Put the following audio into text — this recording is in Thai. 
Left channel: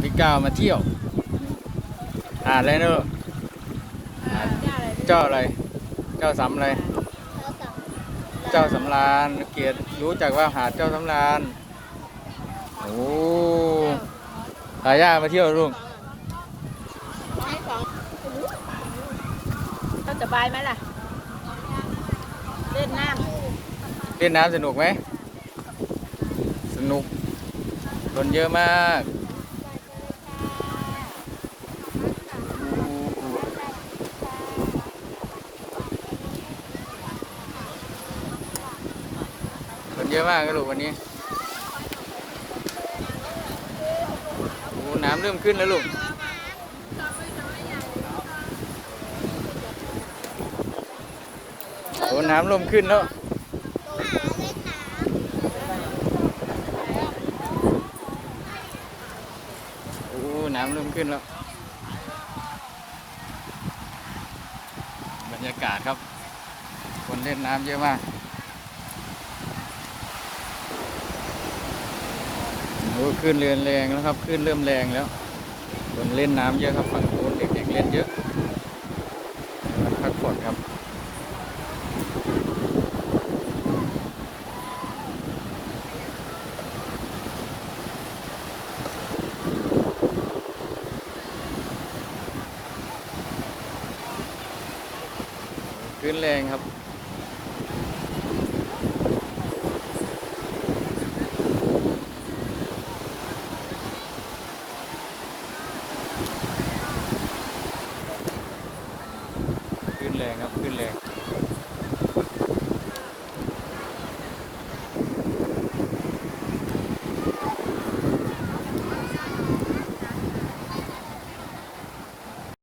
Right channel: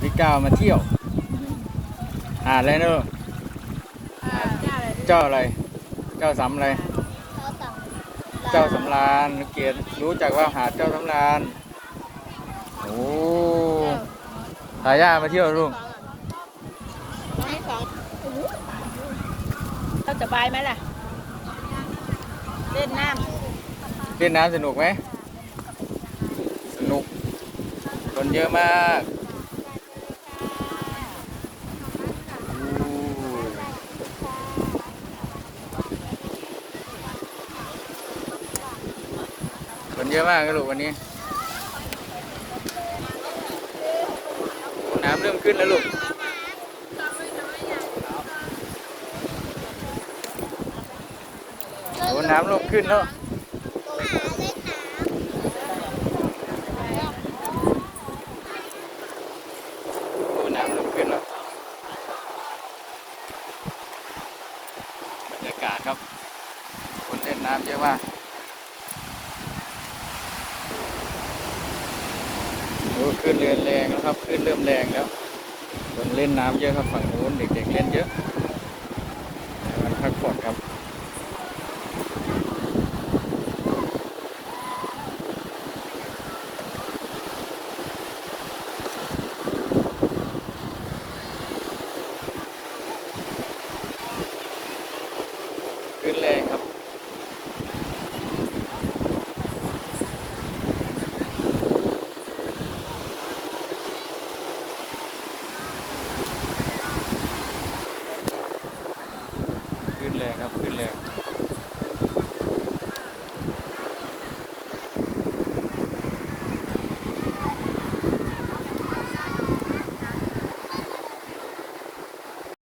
กับพี่ก้าวมาเที่ยว หาดอะไรนะลูกหาดจ้าอะไรเจ้าอะไร เจ้าสำอะไร เจ้าสำราญเกียรติรู้จักว่าหาดเจ้าสำราญโอ้ตาย่ามาเที่ยวลูกเขาสบายไหมล่ะ เล่นน้ำเล่นน้ำสนุกไหม สนุก คนเยอะมาก เยอะมากนะลูกวันนี้โอ้น้ำเริ่มขึ้นแล้วลูกโอ้น้ำเริ่มขึ้นแล้วโอ้น้ำเริ่มขึ้นแล้วบรรยากาศครับ คนเล่นน้ำเยอะมาก อ้ขึ้นเรือนแรงแล้วครับขึ้นเริ่มแรงแล้วคนเล่นน้ำเยอะครับฝั่งโน้นเด็กๆเล่นเยอะมันพักผ่อนครับขึ้นแรงครับ